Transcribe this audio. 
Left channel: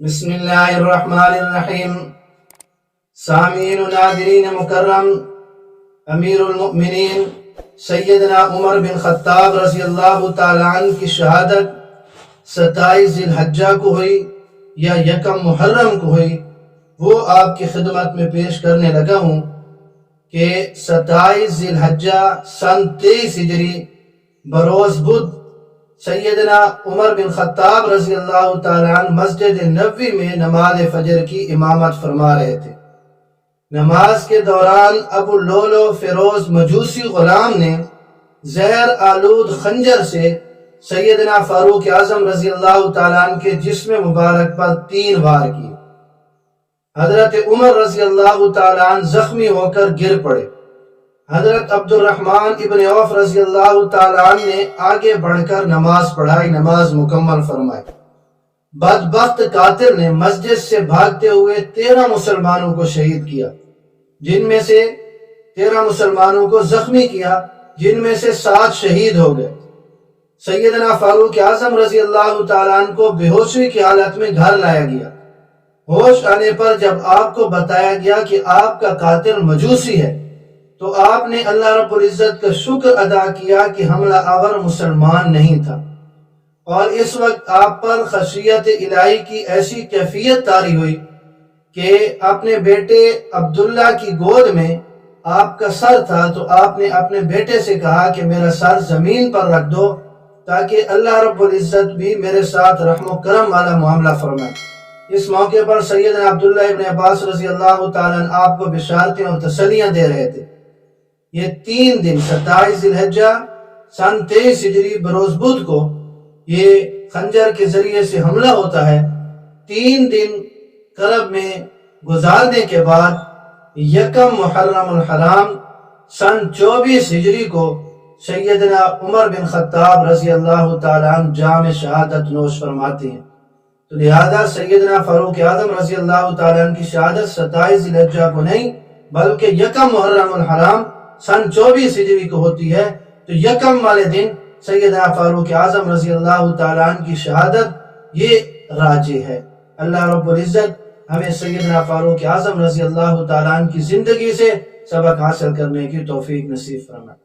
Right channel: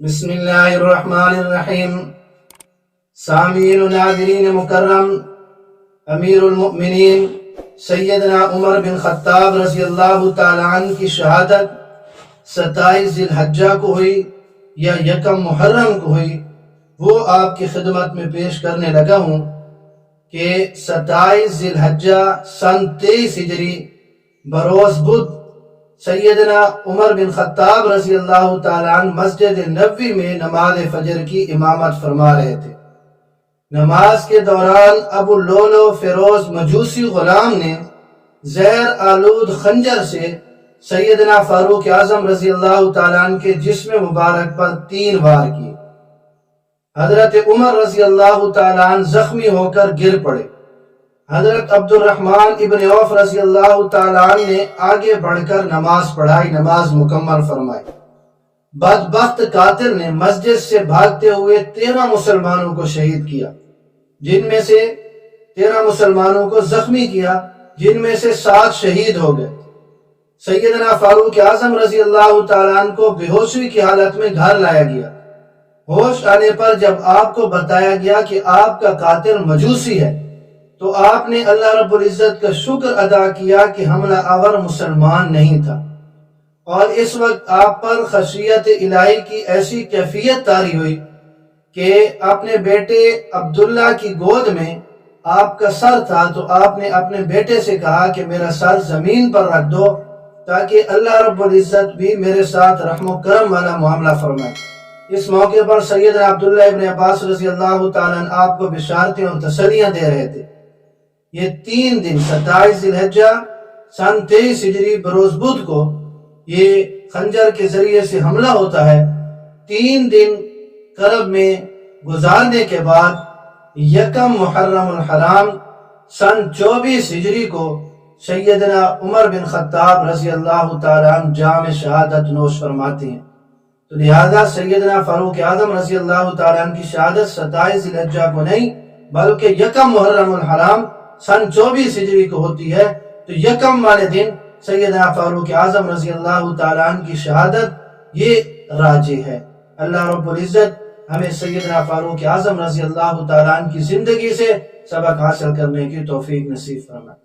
بسم اللہ الرحمن الرحیم۔ سامعین و ناظرین مکرم، امیر المؤمنین سیدنا عمر بن خطاب رضی اللہ تعالیٰ عنہ کی شہادت 27 ذی الحجہ کو ہوئی یا 1 محرم کو ہوئی، وہ آپ کی خدمت میں پیش کرنے لگا ہوں کہ 27 ذی الحجہ سن 23 ہجری بروز بدھ سیدنا عمر بن خطاب رضی اللہ تعالیٰ عنہ مسجد نبوی میں نماز فجر کی امامت فرما رہے تھے۔ نماز کے دوران ابو لولو فیروز مجوسی غلام نے زہر آلود خنجر سے سیدنا فاروق اعظم رضی اللہ تعالیٰ عنہ کے جسم مبارک پر 3 وار کیے۔ حضرت عمر رضی اللہ تعالیٰ عنہ زخمی ہو کر گر پڑے۔ حضرت عبد الرحمن ابن عوف رضی اللہ تعالیٰ عنہ نے آگے بڑھ کر نماز پڑھائی، نماز مکمل فرمائی۔ بدبخت قاتل نے مسجد سے بھاگتے ہوئے 13 مسلمانوں کو شہید کیا، جن میں سے 13 مسلمانوں کو زخمی کیا، جن میں سے 7 شہید ہو گئے۔ سیدنا فاروق اعظم رضی اللہ تعالیٰ عنہ کو بے ہوشی کی حالت میں گھر لایا گیا۔ ہوش آنے پر جب آپ کو بتایا گیا کہ آپ کا قاتل مجوسی ہے، تو آپ نے اللہ رب العزت کا شکر ادا کیا کہ حملہ آور مسلمان نہیں تھا، اور اس وقت آپ پر خشیت الہی کی ایسی کیفیت طاری ہوئی کہ اپنے بیٹے عبداللہ کی گود میں آپ کا سر تھا، تو آپ نے اپنے بیٹے سے کہا کہ میرا سر زمین پر رکھ دو تاکہ اللہ رب العزت بھی میرے ساتھ رحم و کرم والا معاملہ فرمائے۔ اس موقع پر سیدنا عبداللہ ابن عباس رضی اللہ تعالیٰ عنہ آپ کو بشارتیں اور تسلیاں دے رہے تھے۔ یہ 3 دن 27 ذی الحجہ سن 23 ہجری بروز بدھ کو یہ خنجر کے ذریعے سے حملہ ہوتا ہے۔ 3 دن کرب میں گزارنے کے بعد 1 محرم الحرام سن 24 ہجری کو سیدنا عمر بن خطاب رضی اللہ تعالیٰ عنہ جام شہادت نوش فرماتے ہیں۔ تو لہذا سیدنا فاروق اعظم رضی اللہ تعالیٰ عنہ کی شہادت 27 ذی الحجہ کو نہیں بلکہ 1 محرم الحرام سن 24 ہجری کو ہوتی ہے۔ تو 1 والے دن سیدنا فاروق اعظم رضی اللہ تعالیٰ عنہ کی شہادت یہ راجح ہے۔ اللہ رب العزت ہمیں سیدنا فاروق اعظم رضی اللہ تعالیٰ عنہ کی زندگی سے سبق حاصل کرنے کی توفیق نصیب فرمائے۔